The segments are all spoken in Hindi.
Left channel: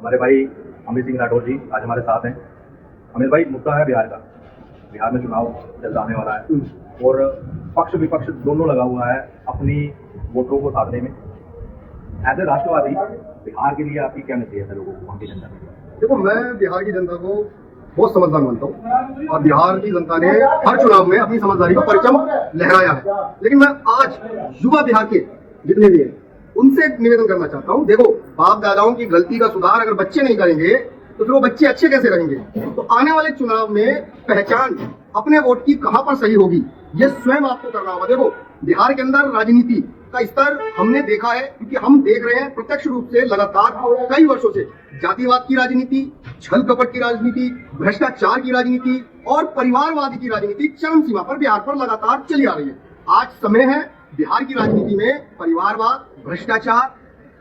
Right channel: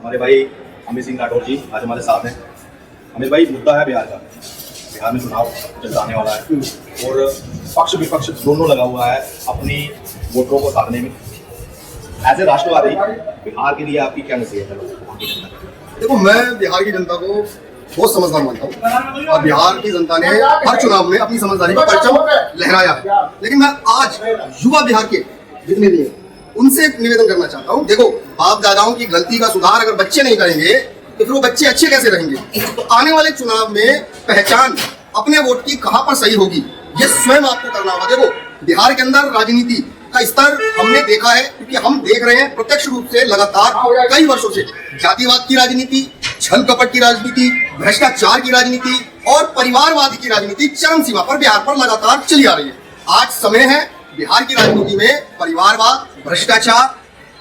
हमारे भाई अमित सिंह राठौर जी आज हमारे साथ हैं। अमित भाई, मुद्दा है बिहार का। बिहार में चुनाव जल्द आने वाला है और पक्ष विपक्ष दोनों लगा हुआ है अपनी वोटरों को साधने में। ऐसे राष्ट्रवादी बिहार के लिए आपकी क्या नसीहत है लोगों को, वहाँ की जनता को? देखो, मैं बिहार की जनता को बहुत समझदार मानता हूँ और बिहार की जनता ने हर चुनाव में अपनी समझदारी का परचम लहराया है। लेकिन मैं आज युवा बिहार के जितने भी हैं उनसे एक निवेदन करना चाहता हूँ। देखो, बाप दादाओं की गलती का सुधार अगर बच्चे नहीं करेंगे तो फिर वो बच्चे अच्छे कैसे रहेंगे? तो आने वाले चुनाव में पहचान अपने वोट की कहाँ पर सही होगी, ये स्वयं आपको करना होगा। देखो, बिहार के अंदर राजनीति का स्तर हमने देखा है, क्योंकि हम देख रहे हैं प्रत्यक्ष रूप से लगातार कई वर्षों से जातिवाद की राजनीति, छल कपट की राजनीति, भ्रष्टाचार की राजनीति और परिवारवाद की राजनीति चरम सीमा पर बिहार पर लगातार चली आ रही है। आज समय है बिहार की राजनीति में परिवारवाद, भ्रष्टाचार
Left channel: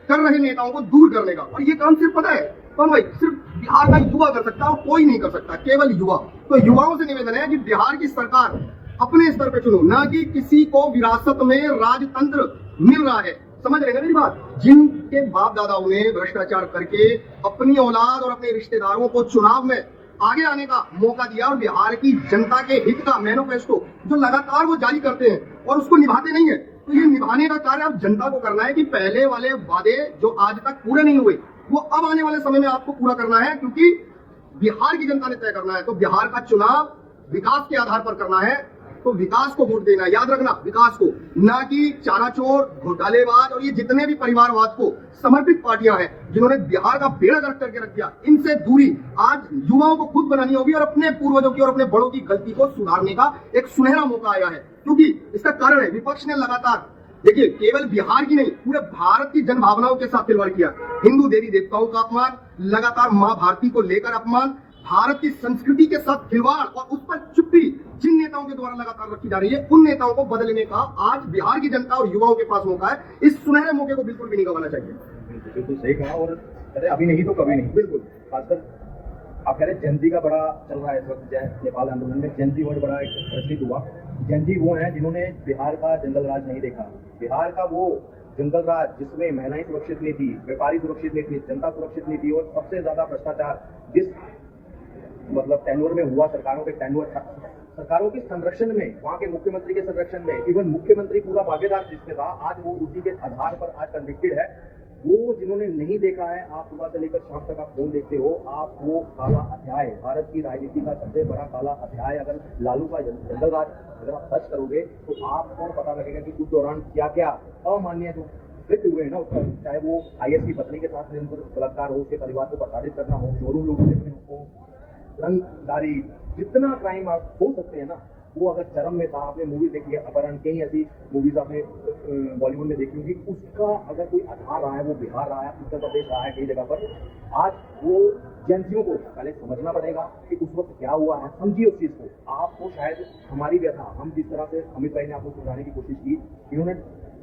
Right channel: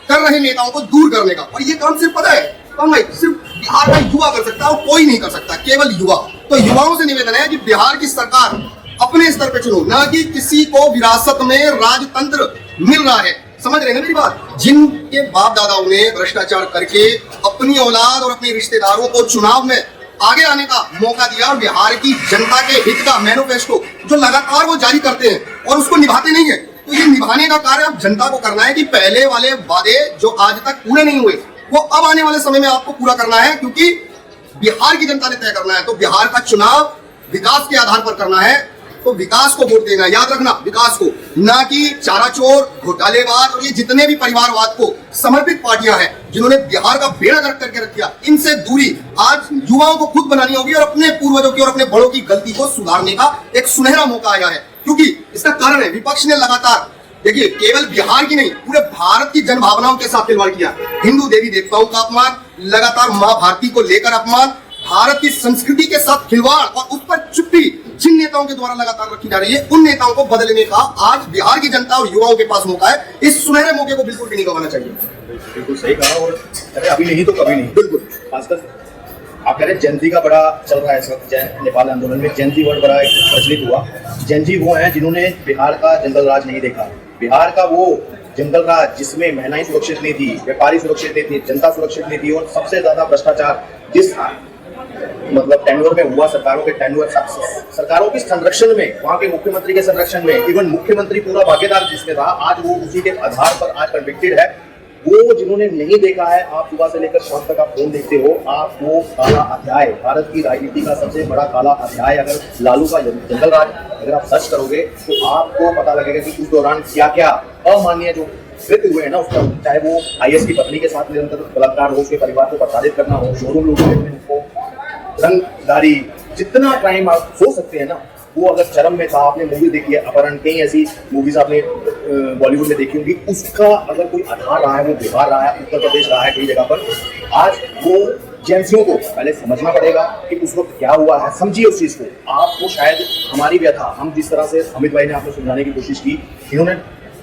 कर रहे नेताओं को दूर करने का। और ये काम सिर्फ पता है कौन भाई? सिर्फ बिहार का युवा कर सकता है और कोई नहीं कर सकता, केवल युवा। तो युवाओं से निवेदन है कि बिहार की सरकार अपने स्तर पे चुनो, ना कि किसी को विरासत में राजतंत्र मिल रहा है। समझ रहे हैं मेरी बात? जिनके बाप दादाओं ने भ्रष्टाचार करके अपनी औलाद और अपने रिश्तेदारों को चुनाव में आगे आने का मौका दिया और बिहार की जनता के हित का मैनिफेस्टो जो लगातार वो जारी करते हैं और उसको निभाते नहीं है, तो ये निभाने का कार्य अब जनता को करना है कि पहले वाले वादे जो आज तक पूरे नहीं हुए वो अब आने वाले समय में आपको पूरा करना है, क्योंकि बिहार की जनता ने तय करना है। तो बिहार का चुनाव विकास के आधार पर करना है, तो विकास को वोट देना, याद रखना, विकास को, ना कि चाराचोर, घोटालेबाज और ये जितने भी परिवारवाद को समर्पित पार्टियां हैं जिन्होंने बिहार का बेड़ा गर्क करके रख दिया, इनसे दूरी आज युवाओं को खुद बनानी होगी और अपने पूर्वजों की और अपने बड़ों की गलती को सुधारने का एक सुनहरा मौका आया है। क्योंकि इसका कारण है विपक्ष ने लगातार, देखिए, केवल बिहार की नहीं पूरे भारत की जन भावनाओं के साथ खिलवाड़ किया। हिंदू देवी देवताओं का अपमान, लगातार मां भारती को लेकर अपमान, भारत की संस्कृति के साथ खिलवाड़ और उस पर चुप्पी जिन नेताओं के द्वारा लगातार रखी जा रही है, उन नेताओं को बदलने का आज बिहार की जनता और युवाओं के पास मौका है। इस सुनहरे मौके को बिल्कुल भी नहीं गंवाना चाहिए। बिल्कुल सही कहा। और अभी नहीं तो कभी नहीं। बिल्कुल। खासकर आप कह रहे हैं जेनजी का बड़ा चल रहा है इस वक्त नेपाल आंदोलन में। जेनजी वर्ड बड़ा एक प्रचलित हुआ। जेनजी वो हैं जिन्होंने बिहार का जंगल राज नहीं देखा। बिहार का वो जंगल राज जिसमें महिलाएं सुरक्षित नहीं थी, व्यापारी सुरक्षित नहीं थी, जनता सुरक्षित नहीं थी और सबसे ज्यादा भ्रष्टाचार जिस मतलब टेन्योर में हुआ, सरकारों के टेन्योर, सरकारों के संरक्षण में, वहाँ के मुख्यमंत्री के संरक्षण में, इवन मुख्यमंत्री पूरा भागीदार जिसमें था, आज वो उसी के आधार पर आज कन्विक्टेड है। वो जिन्होंने नहीं देखा है, आप सुबह से लेकर शाम तक आप फोन देखते हो, आप वो काला अध्याय, भारत की राजनीति का सबसे बड़ा काला अध्याय अगर लालू का जंगल राज अगर आप सर्च करोगे तो आपको पता लगेगा कि उस दौरान क्या क्या अमानवीय जो कृत्य हुए हैं ना उसका, चाहे वो आईएएस की पत्नी के साथ निरंतर बलात्कार हो, उसके परिवार को प्रताड़ित करना हो, शोरूम लूटने हो, रंगदारी, जितना क्राइम आप हो सकते हैं ना, वो अगर चरम में था। आपने मूवी देखी है अपहरण, कई ऐसी मूवीज आपने बॉलीवुड में देखी होंगी, उसका अगर कोई आधार रहा है वो बिहार रहा है, उत्तर प्रदेश रहा है कई जगह पर। आज वो एजेंसियों को पहले समझना पड़ेगा कि उस वक्त क्या हुआ है, समझिए उस चीज को। आपको शायद हमारी व्यथा, हम जिस तरह से अमित भाई ने आपको समझाने की कोशिश की, इन्होंने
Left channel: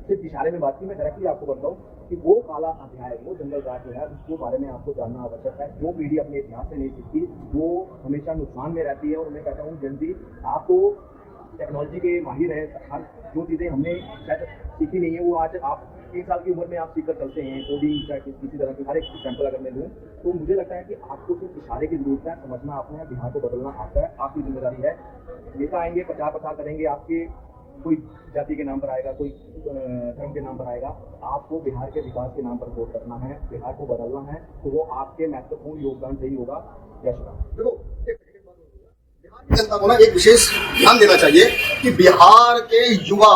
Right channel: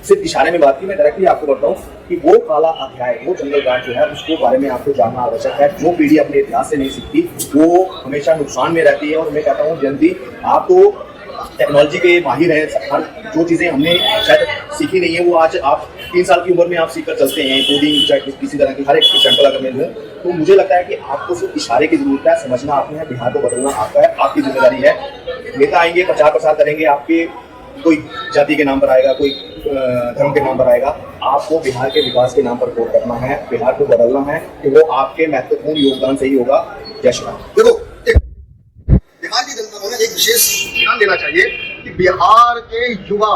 सिर्फ इशारे में बात की, मैं डायरेक्टली आपको बताऊं कि वो काला अध्याय, वो जंगल राज जो है उसको बारे में आपको जानना आवश्यक है। जो पीढ़ी अपने इतिहास से नहीं सीखती वो हमेशा नुकसान में रहती है। और मैं कहता हूँ जल्दी, आप तो टेक्नोलॉजी के माहिर हैं, हर जो चीज़ें हमने शायद सीखी नहीं है वो आज आप 3 साल की उम्र में आप सीख कर चलते हैं, कोडिंग चाहे किसी तरह की हर एक एग्जाम्पल अगर मैं लूँ, तो मुझे लगता है कि आपको सिर्फ इशारे की जरूरत है, समझना आपने है, बिहार को बदलना आपका है, आपकी जिम्मेदारी है। नेता आएंगे, प्रचार प्रसार करेंगे, आपके कोई जाति के नाम पर आएगा, कोई धर्म के नाम पर आएगा, आपको बिहार के विकास के नाम पर वोट करना है, बिहार को बदलना है, कि वो आपके महत्वपूर्ण योगदान से ही होगा। जय श्री राम। देखो, बिहार की जनता को ना एक विशेष ध्यान देना चाहिए कि बिहार के युवा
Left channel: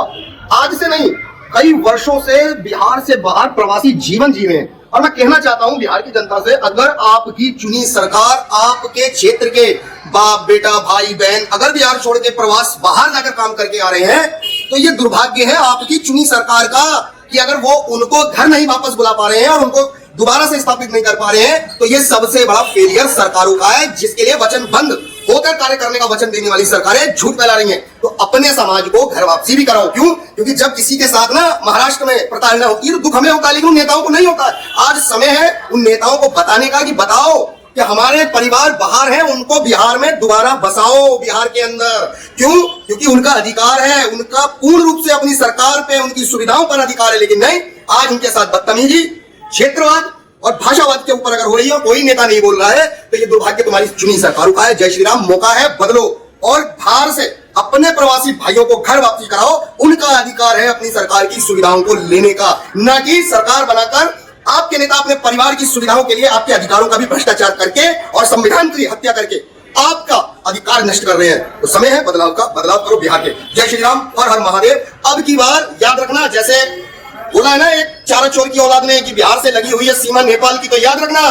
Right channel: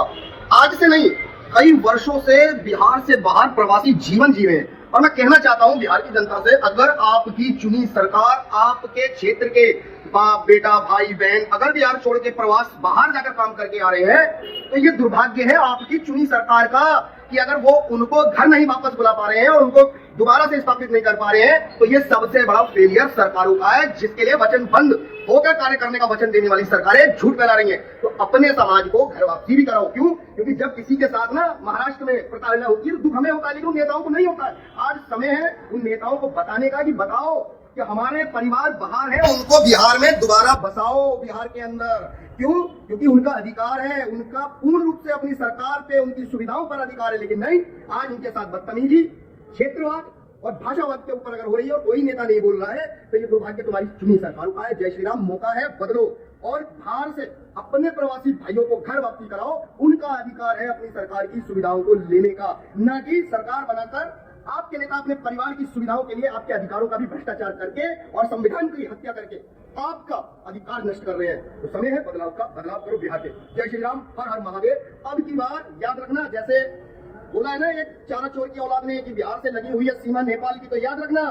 आज से नहीं कई वर्षों से बिहार से बाहर प्रवासी जीवन जी रहे हैं। और मैं कहना चाहता हूं बिहार की जनता से, अगर आपकी चुनी सरकार आपके क्षेत्र के बाप बेटा भाई बहन अगर बिहार छोड़ के प्रवास बाहर जाकर काम करके आ रहे हैं, तो ये दुर्भाग्य है आपकी चुनी सरकार का कि अगर वो उनको घर नहीं वापस बुला पा रहे हैं और उनको दोबारा से स्थापित नहीं कर पा रहे हैं, तो ये सबसे बड़ा फेलियर सरकारों का है, जिसके लिए वचनबद्ध होकर कार्य करने का वचन देने वाली सरकारें झूठ फैला रही हैं। तो अपने समाज को घर वापसी भी कराओ। क्यों? क्योंकि जब किसी के साथ ना महाराष्ट्र में प्रताड़ना होती है तो दुख हमें होता है, लेकिन उन नेताओं को नहीं होता है। आज समय है उन नेताओं को बताने का कि बताओ कि हमारे परिवार बाहर हैं, उनको बिहार में दोबारा बसाओ, बिहार के अंदर। क्यों? क्योंकि उनका अधिकार है, उनका पूर्ण रूप से अपनी सरकार पे, उनकी सुविधाओं पर अधिकार है। लेकिन नहीं, आज उनके साथ बदतमीजी, क्षेत्रवाद और भाषावाद के ऊपर अगर हो रही है और कोई नेता नहीं बोल रहा है तो ये दुर्भाग्य तुम्हारी चुनी सरकारों का है। जय श्री राम, मौका है, बदलो और बाहर से अपने प्रवासी भाइयों को घर वापसी कराओ। उनका अधिकार है अपनी सरकार की सुविधाओं को लेने का, ना कि सरकार बनाकर आपके नेता अपने परिवार की सुविधाओं के लिए आपके अधिकारों का भी भ्रष्टाचार करके और संविधान की हत्या करके आपका अधिकार नष्ट कर रहे हैं। तो समय है बदलाव का, बदलाव करो बिहार के। जय श्री राम, हर हर महादेव। अब की बार याद रखना, जैसे बोला है ना एक चारा चोर की औलाद ने कि बिहार से लगी हुई है सीमा नेपाल की, तो याद रखना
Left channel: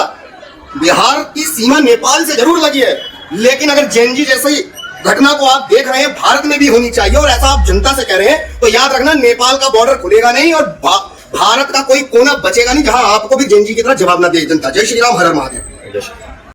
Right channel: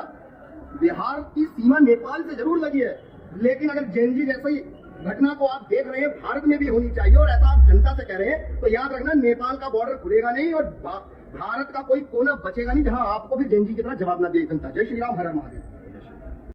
बिहार की सीमा नेपाल से जरूर लगी है, लेकिन अगर जेएनजी जैसी घटना को आप देख रहे हैं भारत में भी होनी चाहिए और ऐसा आप जनता से कह रहे हैं, तो याद रखना नेपाल का बॉर्डर खुलेगा नहीं और भारत का कोई कोना बचेगा नहीं जहां आपको भी जेएनजी की तरह जवाब ना दे जनता। जय श्री राम, हर हर महादेव।